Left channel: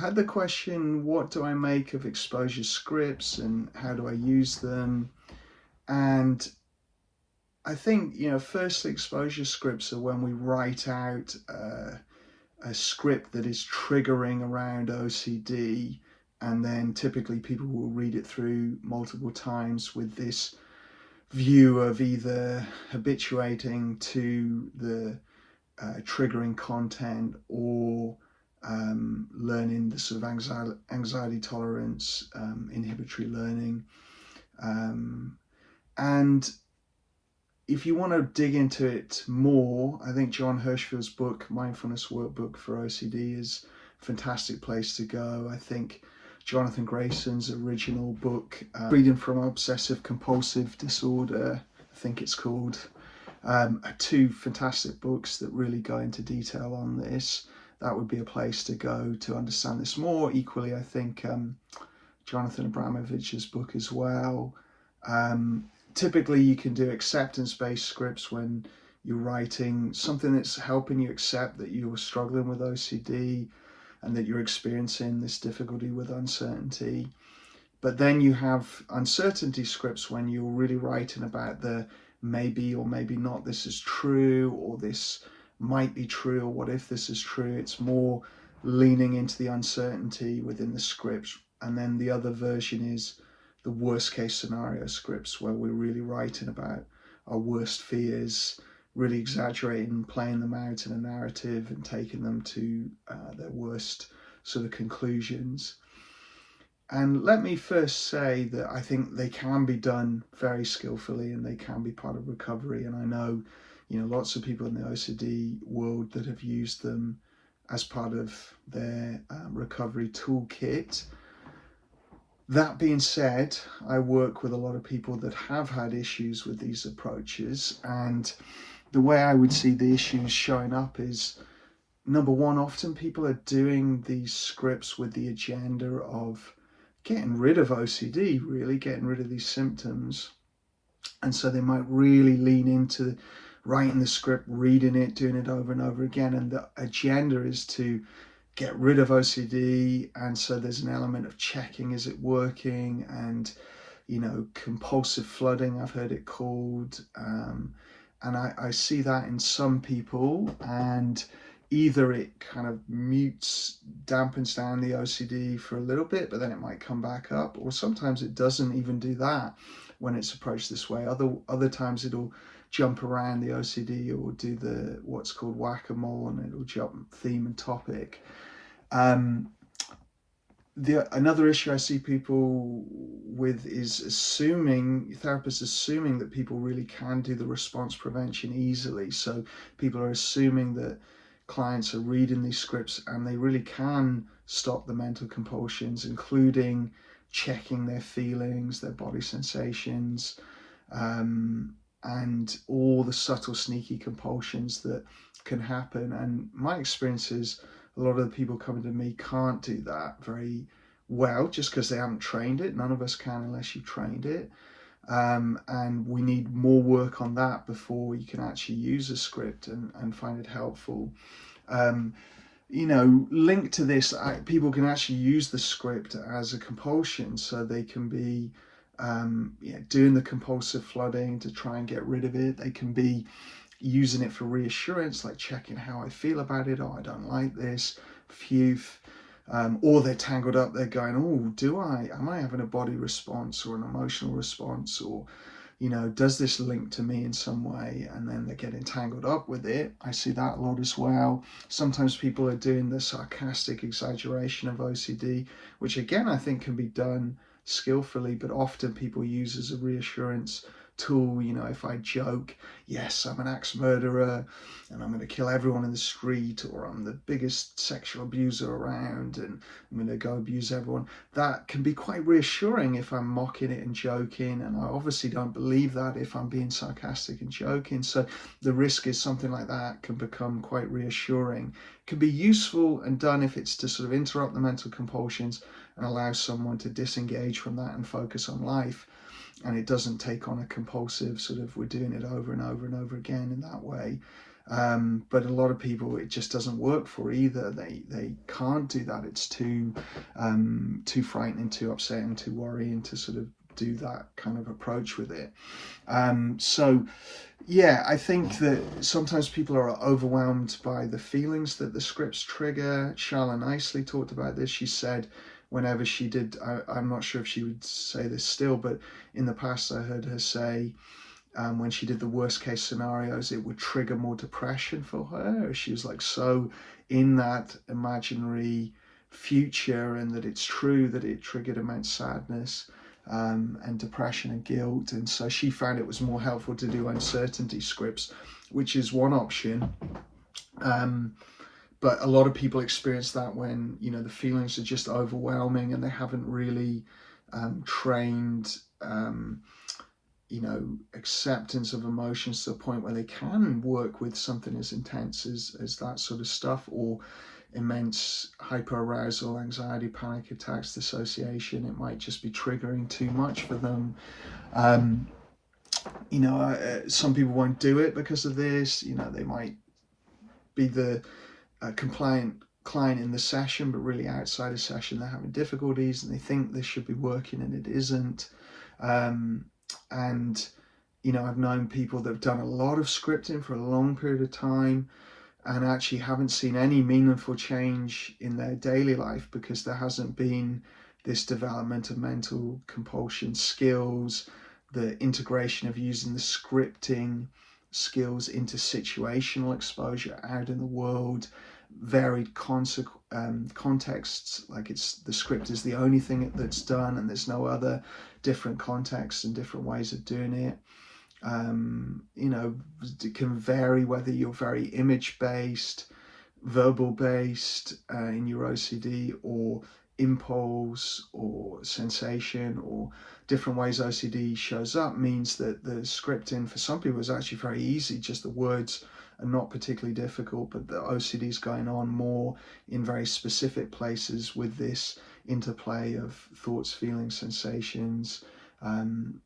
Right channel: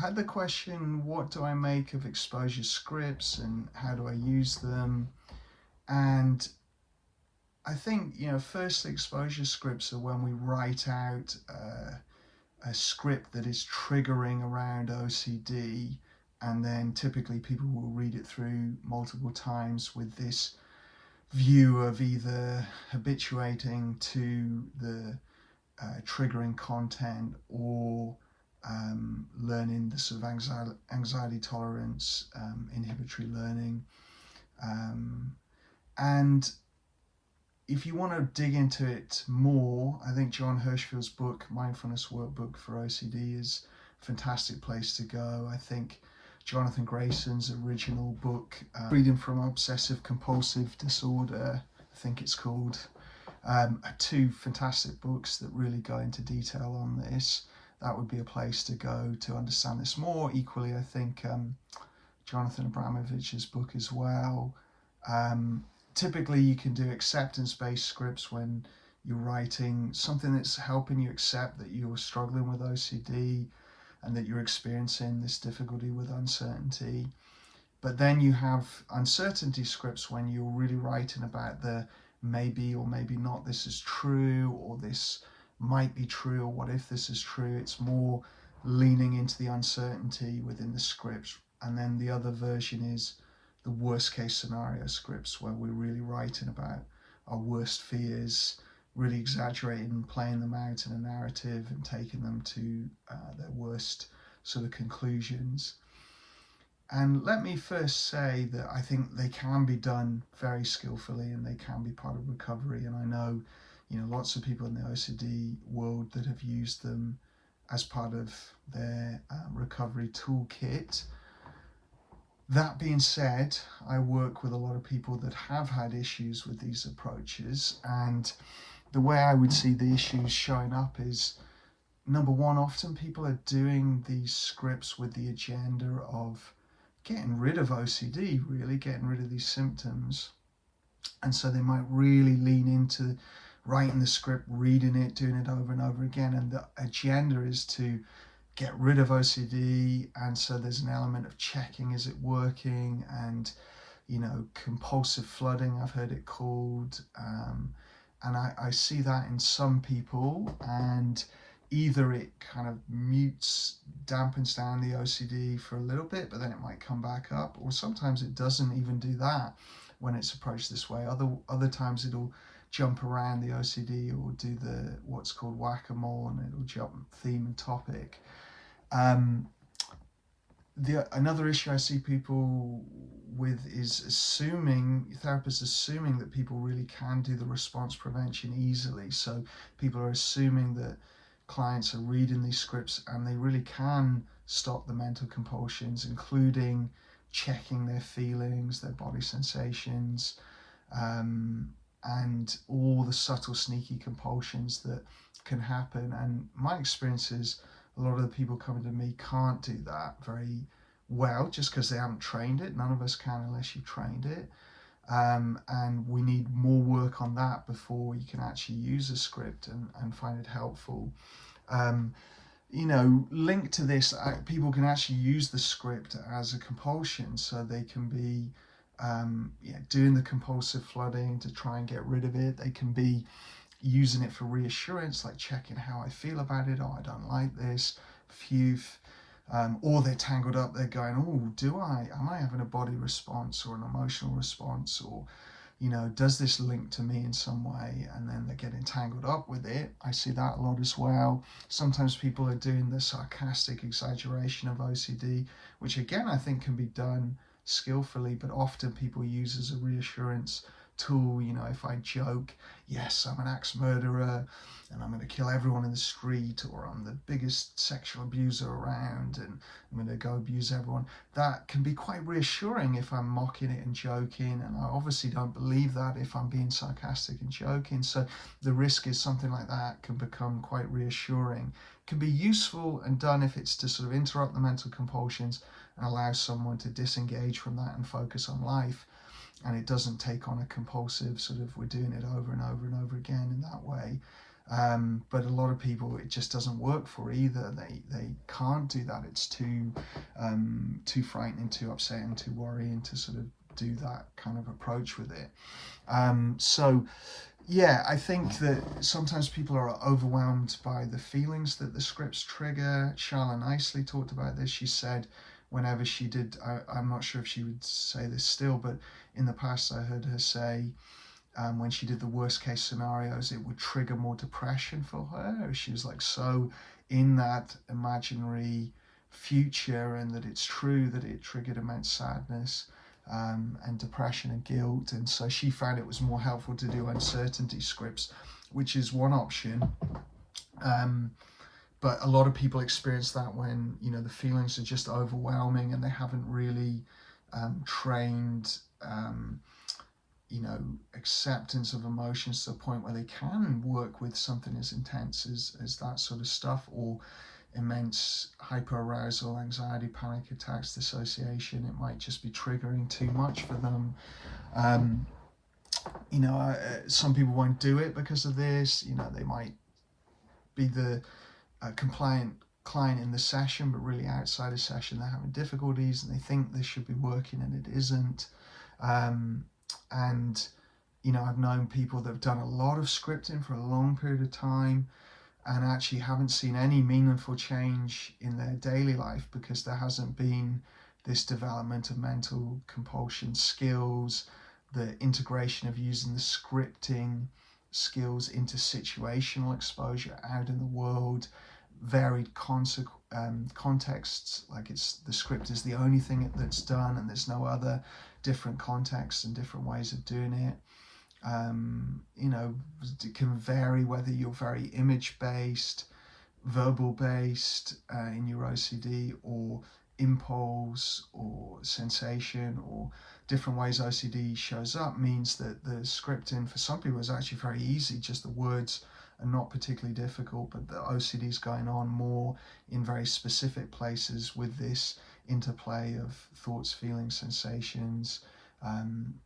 had the question, what do I make of exposure scripts and how do I use them? And I think, firstly, exposure scripts are when we write out a script that is triggering around OCD, and then typically people will read it through multiple times with this view of either habituating to the triggering content or learning the sort of anxiety tolerance, inhibitory learning. And if you want to dig into it more, I think John Hirschfield's book, Mindfulness Workbook for OCD, is a fantastic place to go. I think Jonathan Grayson's original book, Freedom from Obsessive Compulsive Disorder, I think it's called, are two fantastic books that really go into detail on this. That would be a place to go to understand this more. Equally, I think Jonathan Abramovich's book as well. Typically, you can do acceptance-based scripts when you're writing something that's helping you accept that you're struggling with OCD and that you're experiencing this difficulty with uncertainty. But then you have uncertainty scripts when you're really writing about the maybe or maybe not this is true, or this might be true, or what if this is true. It's more leaning into the uncertainty within the script. And then the other version is the worst case scenario scripts, where we're really writing about our worst fears, really exaggerating, playing them out in a narrative and taking them to their worst sort of conclusions. And let me first say that I think they can be done very skillfully and they can be part of recovery. And I know, lots of people in the OCD world that have used them as part of their recovery toolkit. That being said, I work with a lot of people that have had issues with these approaches, and the way I would see the issues showing up is, number one, often people are doing these scripts with the agenda of getting rid of OCD, really getting rid of these symptoms. And so they might really lean into writing the script, reading it, doing it over and over again. And the agenda is to get rid of OCD. And so there's an element of checking, is it working? And, compulsive flooding, I've heard it called. And I see that in some people, and either it kind of dampens down the OCD for a little bit, but then it might come back up, or sometimes it doesn't even do that when it's approached this way. Other times it'll jump around the OCD or do what's called whack-a-mole, and it'll jump theme and topic. Another issue I see people with is therapists assuming that people really can do the response prevention easily. So people are assuming that clients are reading these scripts and they really can stop the mental compulsions, including checking their feelings, their body sensations, and all the subtle, sneaky compulsions that can happen. And my experience is a lot of the people coming to me can't do that very well just because they haven't trained it. None of us can unless you've trained it. And we need more work on that before you can actually use a script and find it helpful. Linked to this, people can actually use the script as a compulsion, so they can be doing the compulsive flooding to try and get rid of it. They can be using it for reassurance, like checking how I feel about it. Oh, I don't like this. Phew. Or they're tangled up. They're going, oh, am I having a body response or an emotional response? Or, does this link to me in some way? And then they're getting tangled up with it. I see that a lot as well. Sometimes people are doing the sarcastic exaggeration of OCD, which again, I think can be done skillfully, but often people use as a reassurance tool. If I joke, yes, I'm an axe murderer and I'm going to kill everyone in the street, or I'm the biggest sexual abuser around and I'm going to go abuse everyone, that can be quite reassuring if I'm mocking it and joking, and I obviously don't believe that if I'm being sarcastic and joking. So the risk is something like that can become quite reassuring. It can be useful and done if it's to sort of interrupt the mental compulsions and allow someone to disengage from that and focus on life. And it doesn't take on a compulsive sort of, we're doing it over and over and over again in that way. But a lot of people, it just doesn't work for either. They can't do that. It's too frightening, too upsetting, too worrying to sort of do that kind of approach with it. So yeah, I think that sometimes people are overwhelmed by the feelings that the scripts trigger. Charla nicely talked about this. She said whenever she did, I'm not sure if she would say this still, but in the past I heard her say when she did the worst case scenarios, it would trigger more depression for her. She was like so in that imaginary future, and that it's true that it triggered immense sadness and depression and guilt. And so she found it was more helpful to do uncertainty scripts, which is one option. But a lot of people experience that when, you know, the feelings are just overwhelming and they haven't really trained you know, acceptance of emotions to the point where they can work with something as intense as that sort of stuff, or immense hyperarousal, anxiety, panic attacks, dissociation. It might just be triggering too much for them. You know, some people won't do it because of this. You know, they might be the compliant client in the session, but really outside a session they're having difficulties and they think this should be working and it isn't. And you know, I've known people that have done a lot of scripting for a long period of time and actually haven't seen any meaningful change in their daily life because there hasn't been this development of mental compulsion skills, the integration of using the scripting skills into situational exposure out in the world, varied contexts. Like, it's the script is the only thing that's done and there's no other different contexts and different ways of doing it. You know, it can vary whether you're very image based, verbal based in your OCD, or impulse or sensation, or different ways OCD shows up. Means that the scripting for some people is actually very easy, just the words are not particularly difficult, but the OCD is going on more in very specific places with this interplay of thoughts, feelings, sensations, and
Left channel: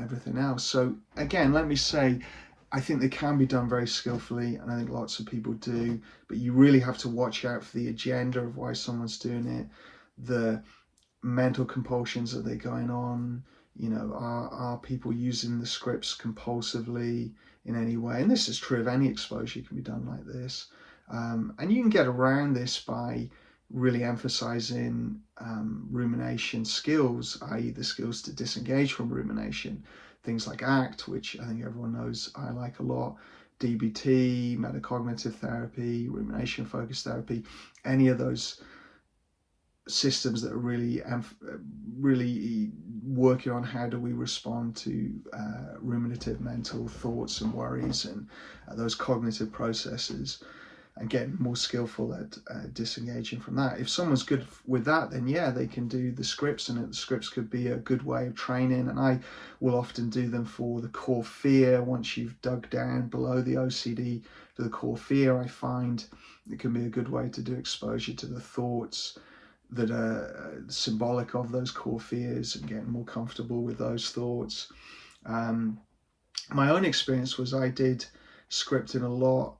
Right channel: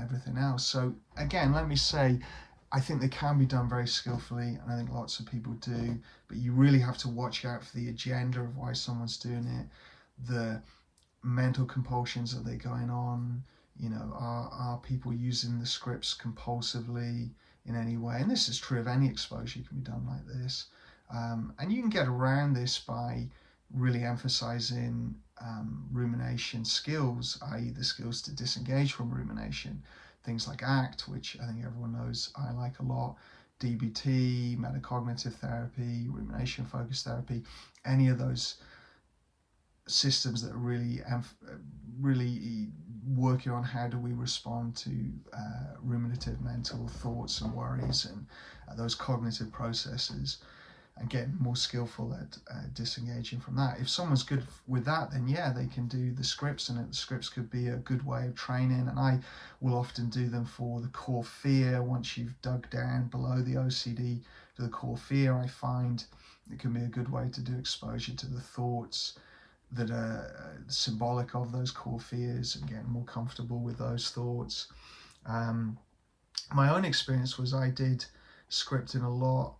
everything else. So again, let me say, I think they can be done very skillfully, and I think lots of people do, but you really have to watch out for the agenda of why someone's doing it, the mental compulsions that they're going on. You know, are people using the scripts compulsively in any way? And this is true of any exposure, can be done like this. And you can get around this by really emphasizing rumination skills, i.e. the skills to disengage from rumination. Things like ACT, which I think everyone knows I like a lot, DBT, metacognitive therapy, rumination focused therapy, any of those systems that are really working on how do we respond to ruminative mental thoughts and worries and those cognitive processes, and getting more skillful at disengaging from that. If someone's good with that, then yeah, they can do the scripts, and the scripts could be a good way of training. And I will often do them for the core fear. Once you've dug down below the OCD to the core fear, I find it can be a good way to do exposure to the thoughts that are symbolic of those core fears and getting more comfortable with those thoughts. My own experience was I did scripting a lot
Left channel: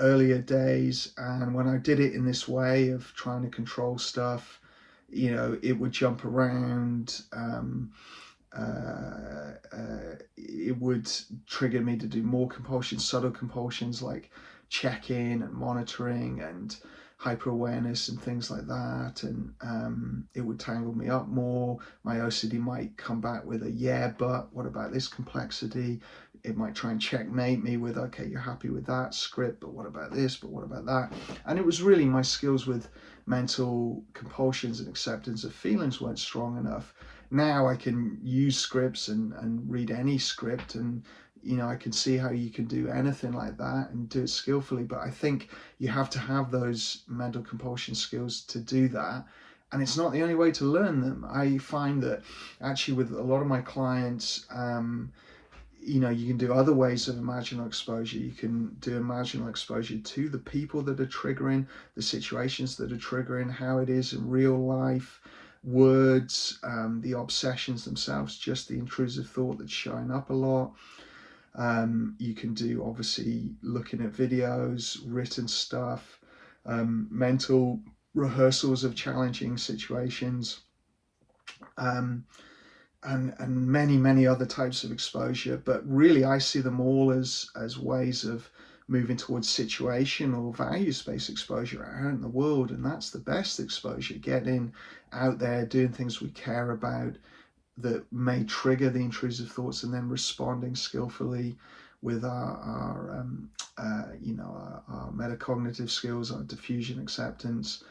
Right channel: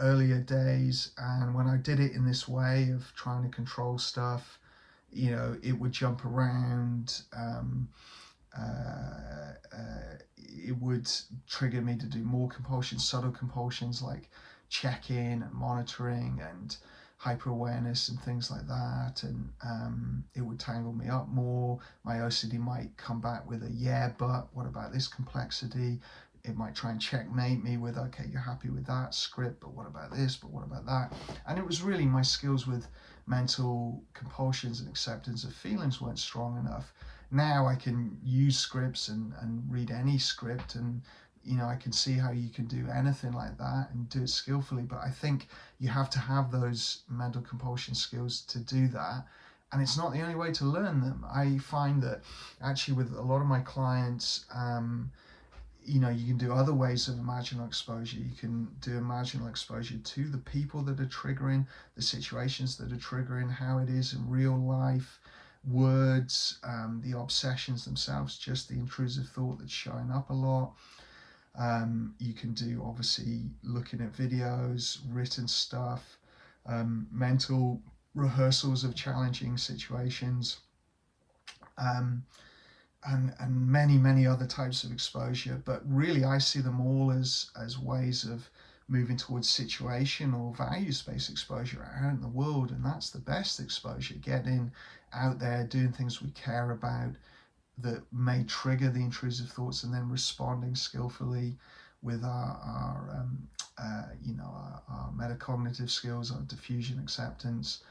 earlier days, and when I did it in this way of trying to control stuff, you know, it would jump around. It would trigger me to do more compulsions, subtle compulsions like check-in and monitoring and hyper-awareness and things like that, and it would tangle me up more. My OCD might come back with a yeah, but what about this complexity? It might try and checkmate me with, okay, you're happy with that script, but what about this, but what about that? And it was really my skills with mental compulsions and acceptance of feelings weren't strong enough. Now I can use scripts and read any script, and you know, I can see how you can do anything like that and do it skillfully. But I think you have to have those mental compulsion skills to do that. And it's not the only way to learn them. I find that actually with a lot of my clients, you know, you can do other ways of imaginal exposure. You can do imaginal exposure to the people that are triggering, the situations that are triggering, how it is in real life, words, the obsessions themselves, just the intrusive thought that's showing up a lot. You can do, obviously, looking at videos, written stuff, mental rehearsals of challenging situations, um, and many other types of exposure. But really, I see them all as ways of moving towards situation or values-based exposure out in the world, and that's the best exposure. Getting out there, doing things we care about that may trigger the intrusive thoughts, and then responding skillfully with our metacognitive skills, our diffusion acceptance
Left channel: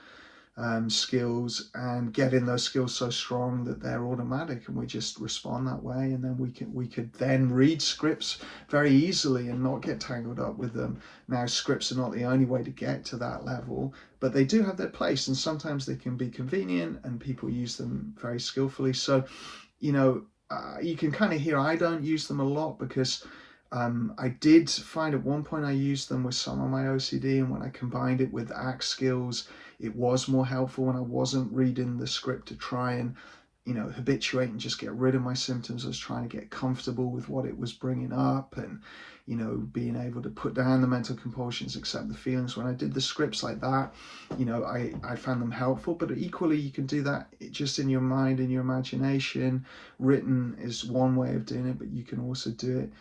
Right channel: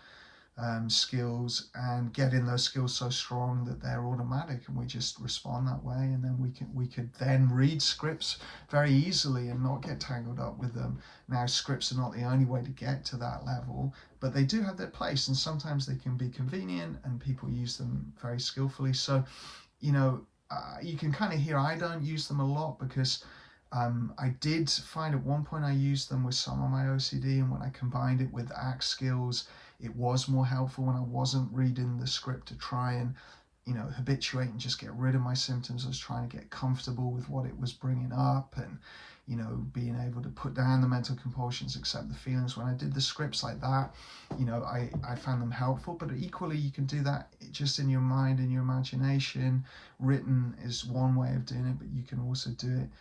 skills, and getting those skills so strong that they're automatic and we just respond that way. And then we could then read scripts very easily and not get tangled up with them. Now, scripts are not the only way to get to that level, but they do have their place, and sometimes they can be convenient and people use them very skillfully. So you can kind of hear I don't use them a lot, because I did find at one point I used them with some of my OCD, and when I combined it with ACT skills, it was more helpful when I wasn't reading the script to try and, habituate and just get rid of my symptoms. I was trying to get comfortable with what it was bringing up, and, being able to put down the mental compulsions, accept the feelings. When I did the scripts like that, I found them helpful. But equally, you can do that just in your mind, in your imagination. Written is one way of doing it, but you can also do it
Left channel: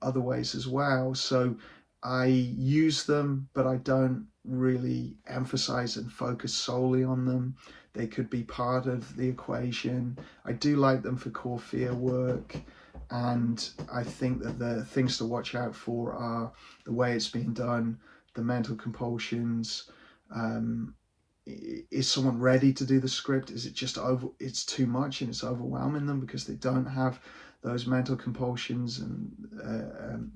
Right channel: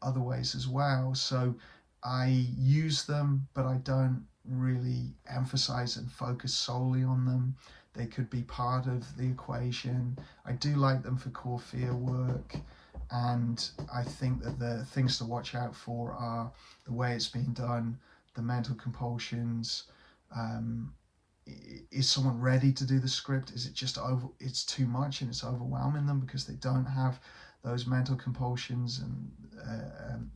other ways as well. So I use them, but I don't really emphasize and focus solely on them. They could be part of the equation. I do like them for core fear work, and I think that the things to watch out for are the way it's being done, the mental compulsions. Is someone ready to do the script? Is it just it's too much and it's overwhelming them because they don't have those mental compulsions and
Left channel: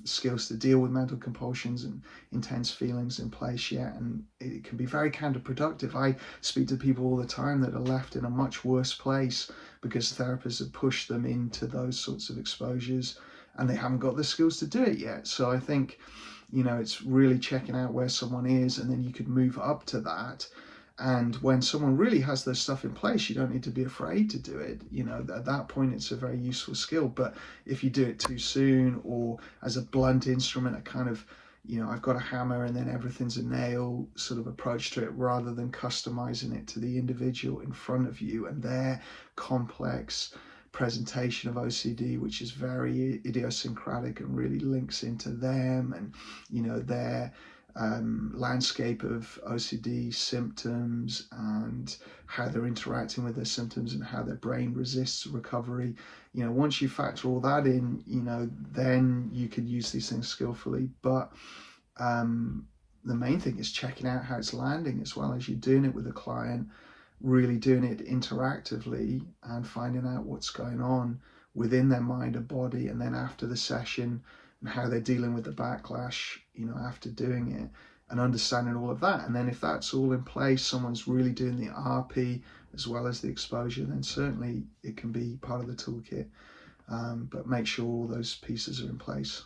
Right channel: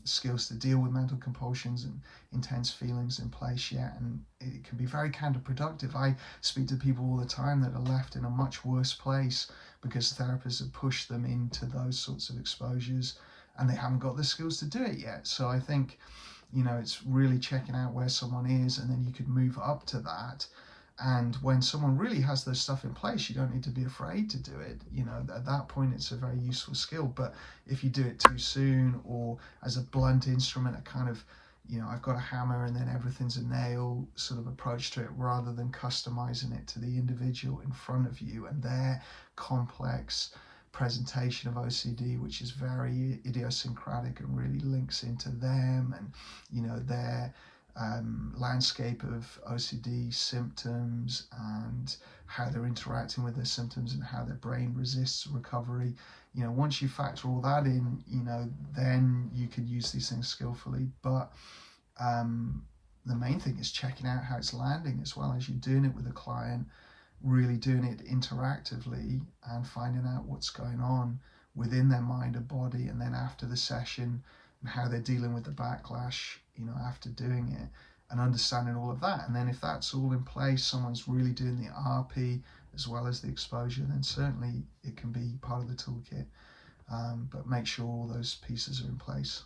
skills to deal with mental compulsions and intense feelings in place yet? And it can be very counterproductive. I speak to people all the time that are left in a much worse place because therapists have pushed them into those sorts of exposures and they haven't got the skills to do it yet. So I think, it's really checking out where someone is, and then you could move up to that. And when someone really has their stuff in place, you don't need to be afraid to do it. At that point, it's a very useful skill. But if you do it too soon, or as a blunt instrument, a kind of, I've got a hammer and then everything's a nail sort of approach to it, rather than customizing it to the individual in front of you and their complex presentation of OCD, which is very idiosyncratic and really links into them and, their landscape of OCD symptoms and how they're interacting with their symptoms and how their brain resists recovery. Once you factor all that in, then you can use these things skillfully. But the main thing is checking out how it's landing, as well as you're doing it with a client, really doing it interactively and finding out what's going on within their mind and body, and then after the session and how they're dealing with the backlash, after doing it, and understanding all of that. And then if that's all in place, someone's really doing the RP as well as the exposure, then certainly it can be part of the toolkit. But make sure all those pieces are in place.